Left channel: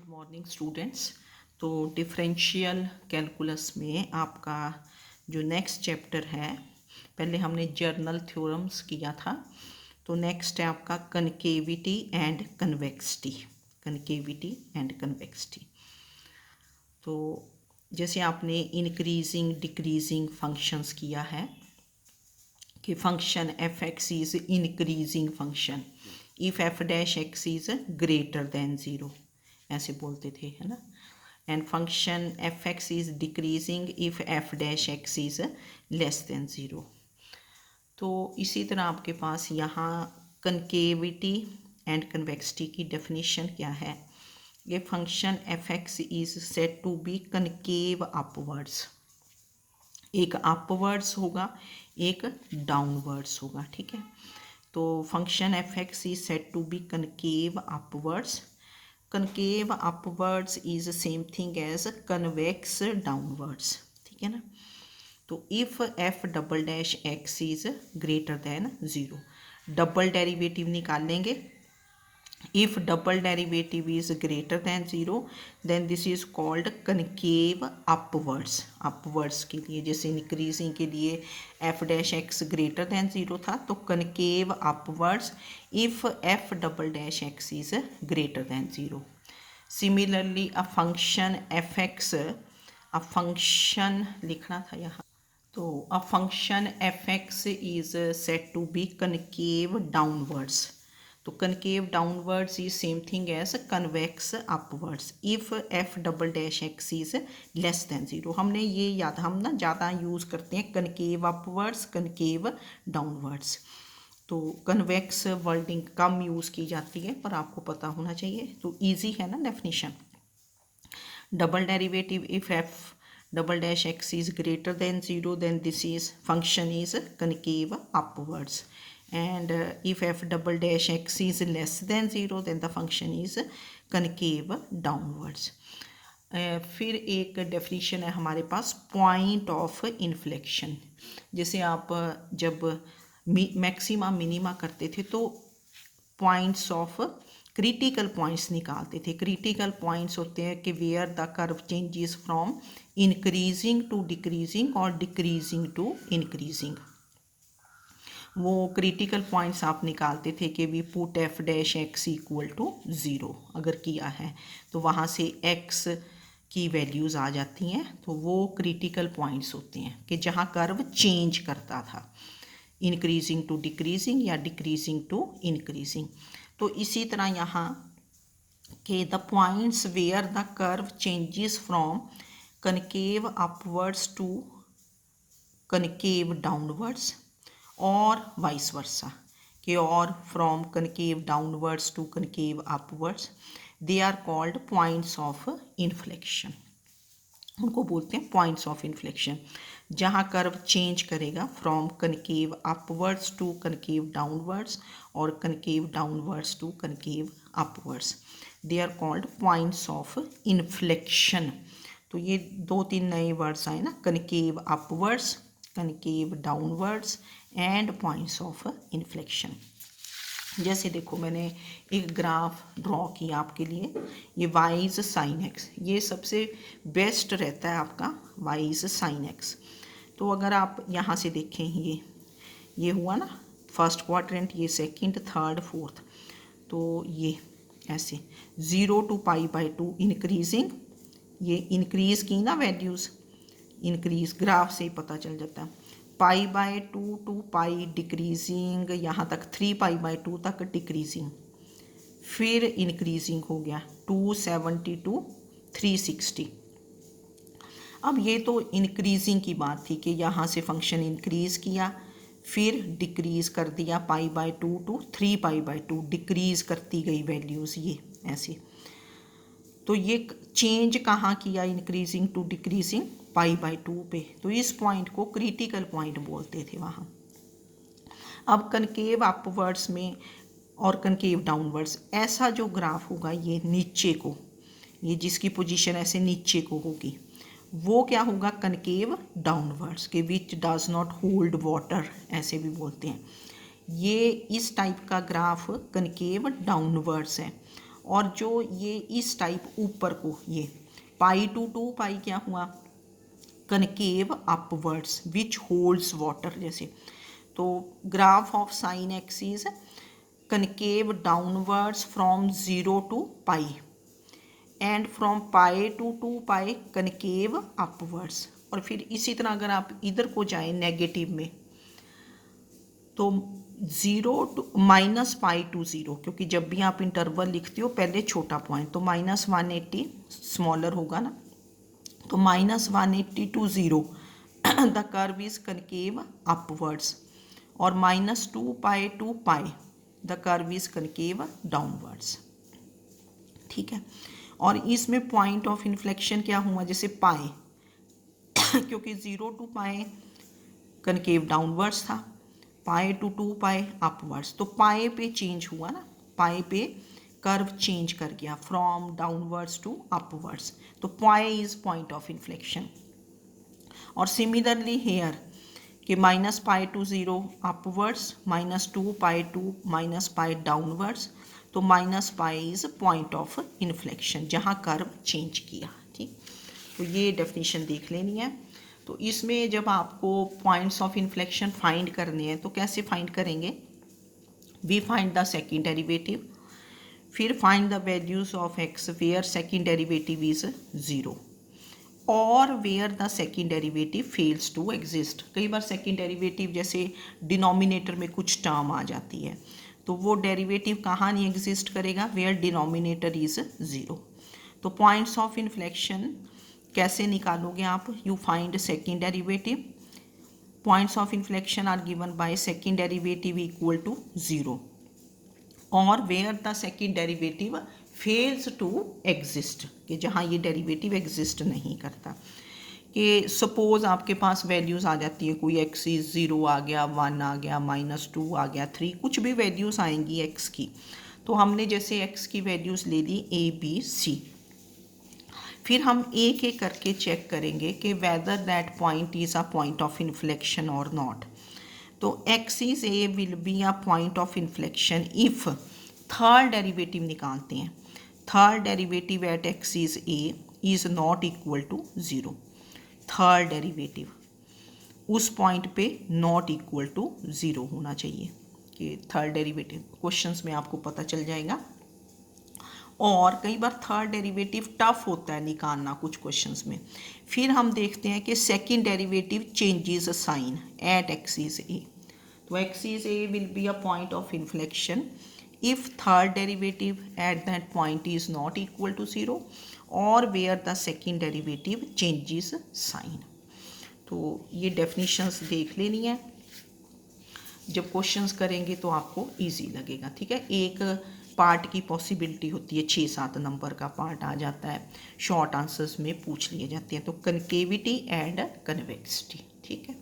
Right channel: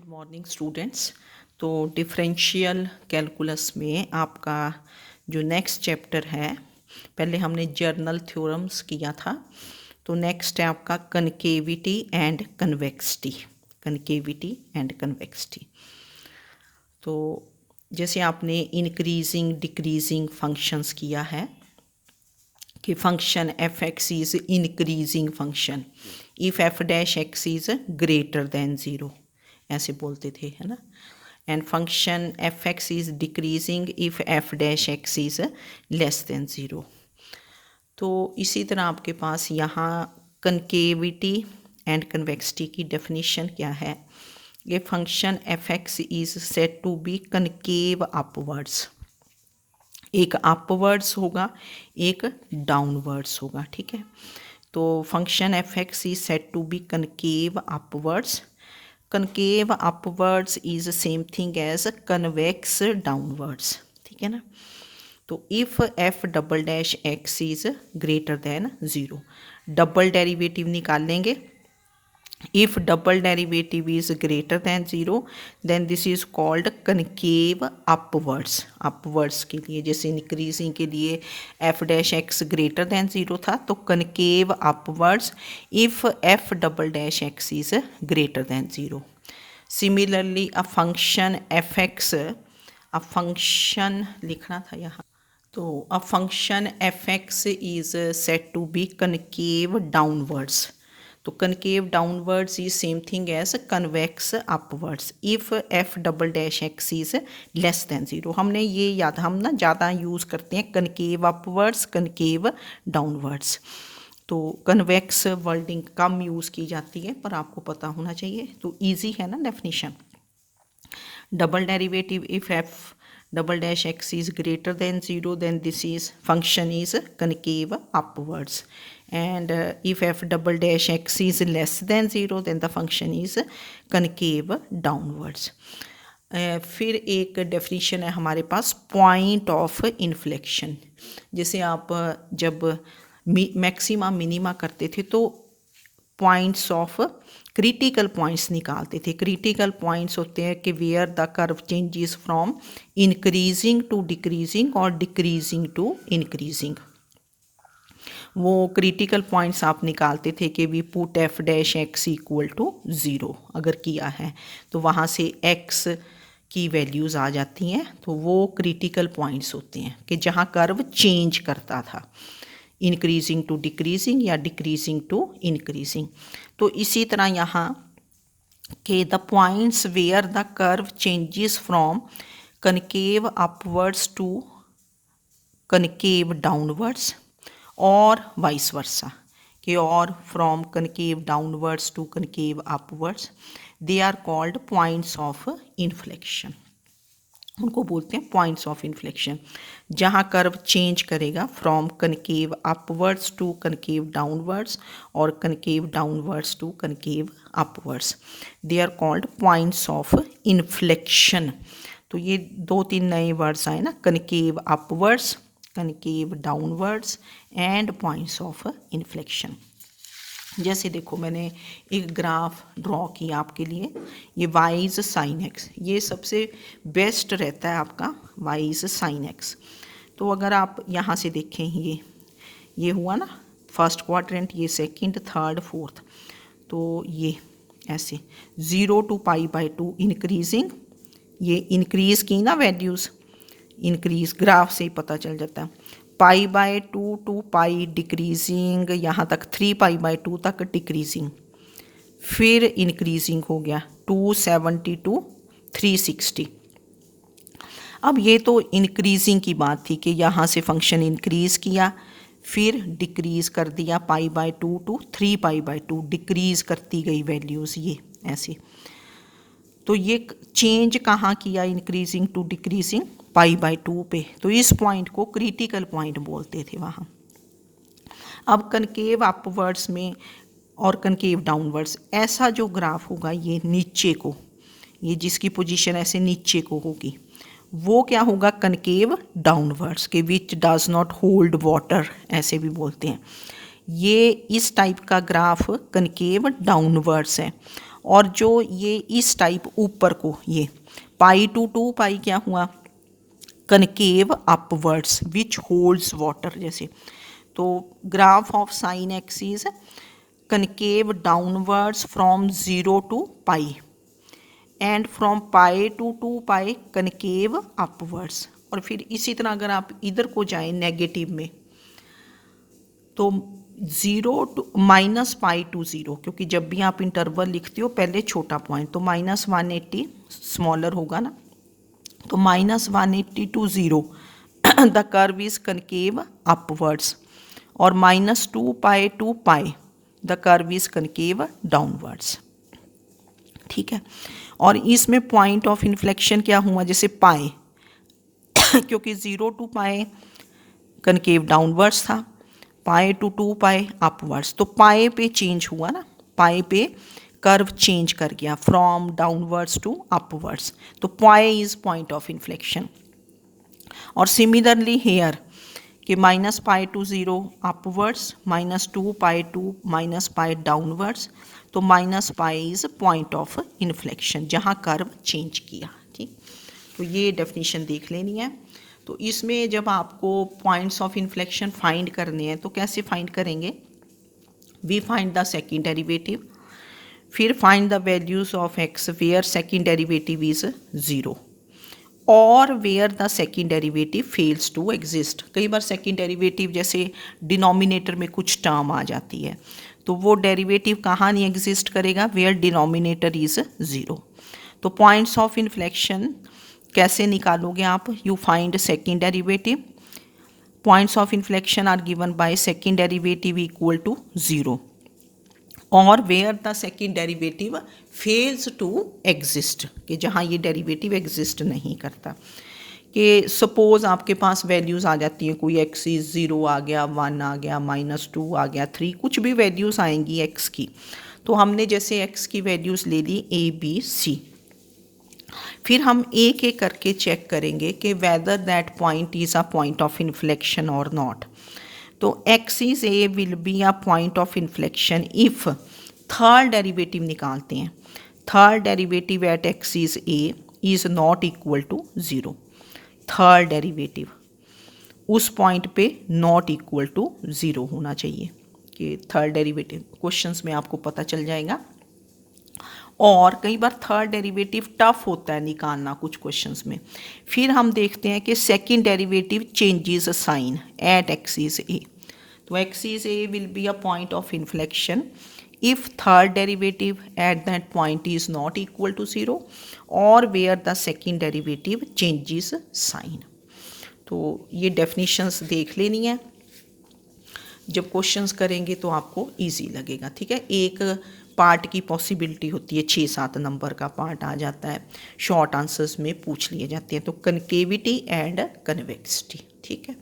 Good morning students. तो differential calculus में आपका जो नेक्स्ट चैप्टर है, पहले हमने जर्नल थ्योरम्स किया था, तो नेक्स्ट है आपका concavity and convexity. Concavity and convexity, तो जैसे आपने इंक्रीजिंग डिक्रीजिंग फंक्शंस किया है कि function f x is increasing function if F dash x is greater than zero, ऐसे बोलते थे, है ना। And function f x is decreasing if F dash x is less than zero. तो इसी तरह आपके पास यहाँ कनकेविटी एंड कन्वेक्सिटी की डेफिनेशन क्या है। ये function f x is said to be concave upwards, एक अपवर्ड्स होगा एक डाउनवर्ड्स होगा, ठीक है। तो function f x is said to be concave upwards. Concave upwards is same thing as convex downwards, ठीक है ना। तो if f double dash x is greater than zero, double derivative निकालेंगे। If double derivative is greater than 0, then this is called concave upwards. upwards के लिए जैसे increasing के लिए f dash x greater than 0 था, तो concave upwards if f double dash x is greater than 0. Similarly a function fx, a function लिखना था यहाँ, तो a function fx is said to be concave downwards. तो concave downwards is same thing as convex upwards if f double dash x is less than zero. हमने ये याद, हम ना ज़्यादा यूज़ करते हैं कनकेव अपवर्ड्स कनकेव डाउनवर्ड्स, तो कन्वेक्स वर्डिंग कम यूज़ की जाती है, पर आपको पता होना चाहिए, तो ईजी है ना definition. Double derivative if F double dash x is greater than 0, then this is function is concave upwards, and if f double dash x is less than 0, then the function is concave downwards. फिर एक definition है हमारे पास point of inflection. जैसे आप जब maxima minima करते थे तो पॉइंट्स ऑफ क्रिटिकल पॉइंट्स निकालते थे। क्रिटिकल पॉइंट्स होते हैं कि where the curve changes from increasing to decreasing और डिक्रीजिंग टू इंक्रीजिंग, वो क्रिटिकल पॉइंट्स आप निकालते थे कि we put f dash x equal to zero अगर किया है तो वहाँ से एक्स की वैल्यूज़ आ जाती हैं, तो वो क्रिटिकल पॉइंट्स होते हैं कि जहाँ कर्व चेंज करता था इंक्रीजिंग टू डिक्रीजिंग या डिक्रीजिंग टू इंक्रीजिंग। तो इसी तरह यहाँ के the points where the curve changes from concave upwards to concave downwards और वाइस वर्सा, कि और from concave downwards to concave upwards, they are called points of inflection. उनको बोलते हैं पॉइंट्स ऑफ इन्फ्लेक्शन। जहाँ कर्व चेंज करेगा from concave upwards to concave downwards और concave downwards to concave upwards, they are called points of inflection. तो ये दो तीन नए वर्ड्स आए ना, concave upwards concave downwards and points of inflection. जैसे देखो मैंने एक ग्राफ ड्रॉ किया आपके लिए, ये वाइज साइन एक्स, ये सबसे बेस्ट रहता है आपका वाइज साइन एक्स। तो अगर आप यहाँ से देखें, ये हुआ ना फर्स्ट क्वाड्रेंट, ये सेकंड थर्ड फोर्थ, तो ये ऐसे 0 टू पाई बाय 2 इंक्रीजिंग, ये इंक्रीज़ की ना वैल्यूज़, इंक्रीज़ ग्राफ से ही पता चल जाता है। Pi by 2 to pi decreasing, यहाँ तक 3 पाई बाय 2 तक डिक्रीजिंग, फिर इंक्रीजिंग हो गया 270 टू 360। अब ये तो इंक्रीजिंग की बात थी कि यहाँ से फंक्शन इंक्रीज़ किया फिर डिक्रीज़ कर दिया pi by 2 to 3 pi by 2, decrease करती गई वैल्यूज़ ये ऐसे। तो ये चेंज कहाँ किया increasing to decreasing, pi by 2 पे, तो इस पॉइंट को क्रिटिकल पॉइंट बोलते थे वहाँ। अब कनकेव अपवर्ड्स में और कनकेव डाउनवर्ड्स, ऐसा जो ग्राफ होगा ये नीचे को, ये जिसकी पोजीशन ऐसे नीचे को होगी, वो क्या होगा कनकेव डाउनवर्ड्स, के which does not hold water ऐसे भी बोलते हैं। ये इस टाइप का ग्राफ कनकेव डाउनवर्ड्स है। और जो ये इस टाइप ऊपर को ये पाई टू 2 पाई क्या हुआ, concave upwards which holds water जैसे। तो graph of sine x is concave downwards from 0 to pi and from pi to 2 pi concave upwards. और फिर इसी तरह अगर आप इधर को जाएं नेगेटिव में तो 0 टू माइनस पाई टू 0, क्योंकि जब भी आप इंटरवल लिखते हो पहले छोटा पॉइंट, तो -180 स्मॉलर होगा ना, तो -180 to 0 the curve is concave upwards, और -2 pi to pi the curve is concave downwards. ठीक है, और इसमें पॉइंट ऑफ इन्फ्लेक्शन क्या हुआ, जैसे पाई क्योंकि 0 टू पाई कनकेव डाउनवर्ड्स था, पाई टू 2 पाई अपवर्ड्स, तो पाई पे चेंज हुआ ना, पाई पे कर्व चेंज कर गया फ्रॉम डाउनवर्ड्स टू अपवर्ड्स, तो pi is point of inflection. और सिमिलरली हेयर कि -pi to 0 upwards, -2 pi to minus pi downwards, तो -pi is point of inflection जहाँ कर्व चेंज किया। ठीक, तो ये डेफिनेशन देख लेनी है। तो इसमें जब आपको पॉइंट्स ऑफ इन्फ्लेक्शन फाइंड करने हैं तो कैसे फाइंड करेंगे, we find the second derivative, फिर find the values of x where second derivative is 0 और where the second derivative fails to exist. कई बार सेकंड डेरिवेटिव जैसे डिनोमिनेटर में कुछ टर्म आ जाती है, तो वो डेरिवेटिव कहाँ नहीं एग्जिस्ट करेगा, वेयर डिनोमिनेटर इज 0। तो पॉइंट्स ऑफ इन्फ्लेक्शन कैसे निकालोगे आप, you find second derivative, points of inflection are given by second derivative equal to 0 और where the second derivative fails to exist, कि जहाँ ये डेरिवेटिव एग्जिस्ट नहीं करता। कि सपोज आपके पास वैल्यूज़ आ जाती हैं, कोई एक्स इज 0 आ गया, 1 आ गया, -2 आ गया, 3, कुछ भी वैल्यूज़ आएंगी एक्स की, तो हमने जैसे एक्स की वैल्यूज़ ले ली A B C, फिर हम एक एक करके चेक करेंगे कि whether that point is a point of inflection और नॉट। तो x is a will be a point of inflection if third derivative निकालते हैं, third derivative at x is a is not equal to 0, third derivative उस point पे not equal to 0 होना चाहिए, कि third derivative questions में आपको पता चल जाएगा। और कई बार थर्ड डेरिवेटिव टफ होता है निकालना कुछ क्वेश्चंस में। फिर हम देखते हैं कि second derivative changes sign at x is a, तो x is a will be a point of inflection if third derivative at that point is not equal to 0 और where the second derivative changes sign. तो ये definitions देख लेनी है, जब questions करेंगे तो आपको इजी लगेगा। ठीक है, एक पार्ट की पॉसिबिलिटी होती है, 6-7 नंबर का पार्ट आ जाता है, शॉर्ट आंसर्स में पूछ लिए जाते हैं, तो कनकेविटी एंड कन्वेक्सिटी। ठीक है।